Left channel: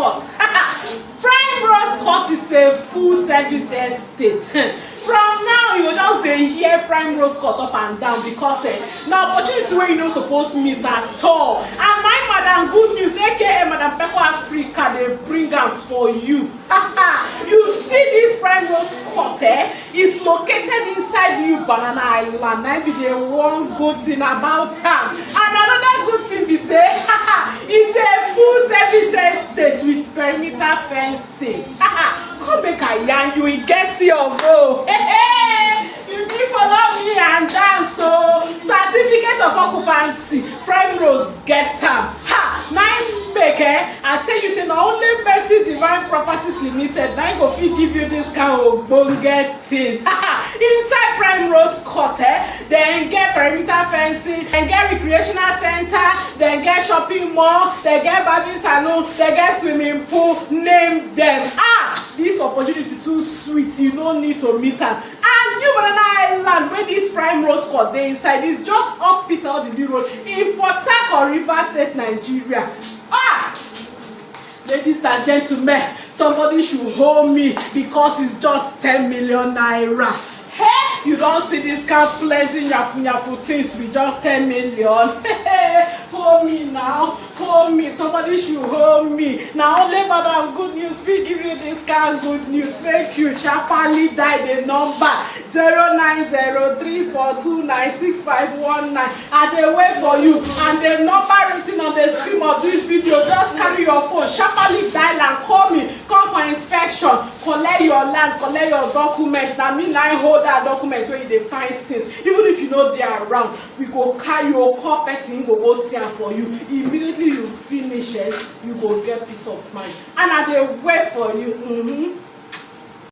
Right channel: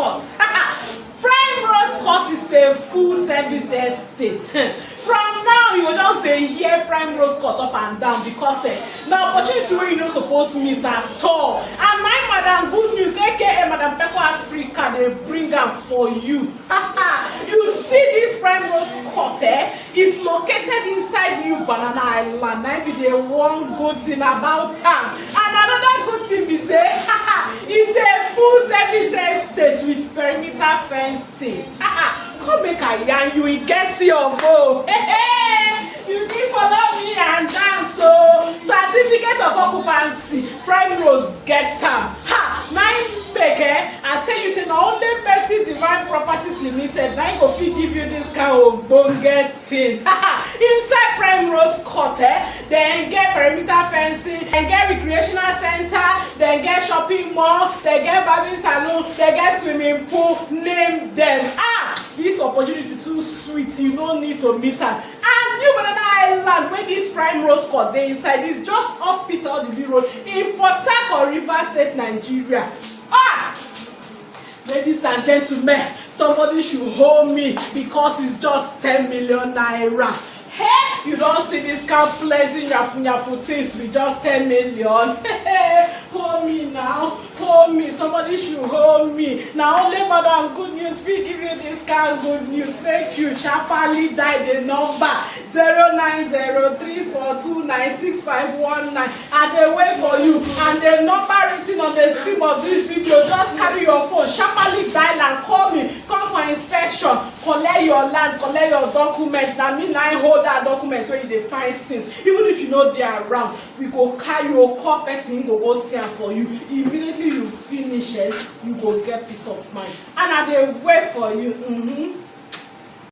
Court. PrimeRose Court is a full service estate. From now you go just dey hear PrimeRose Court up and down because na opportunity wey you no suppose miss at all. And my madam good news aka Madam Pekle Africa dey bring am for you. You see this PrimeRose Court is located inside New Banana Island. Na be the one good thing about am. And another good thing be say it's a full service estate with perimeter fencing. Come make I yarn you, e get your vote. You need follow me and dance. So certificate of occupancy, PrimeRose get am. Nine make I tell you say na only Mercy Divine Properties Limited na go fit give you this kind of ogbonge thing. Inside PrimeRose Court, then get perimeter fencing, then get recreational center, then get shopping mall, then get barbing salon, then get swimming pool. Name them. This opportunity too sweet, you no need to miss am. And New Banana Island, where this PrimeRose Court dey inside, is just off Odili Road in Port Harcourt, Rivers State, Nigeria. Ladies and gentlemen, somebody should hold me because it's just 10 million naira. Hey, you don't see this kind of plenty yafu things with just 10 million. Hold me now, hold me. Somebody should hold me. Now only Madam Good News will give you this kind of good news. Thank you. Sharply dial the number 0903429651. And they wait for you. And the number written on the screen of this video, just carry your phone, sharply dial and call me. Come for inspection, collect your land, collect your document. Now me now hold that document where you dey find since. Even if you know they are around, we go carry your call person, go see am for you. Immediately you finish it, you go get peace of mind. And I dey wait for you.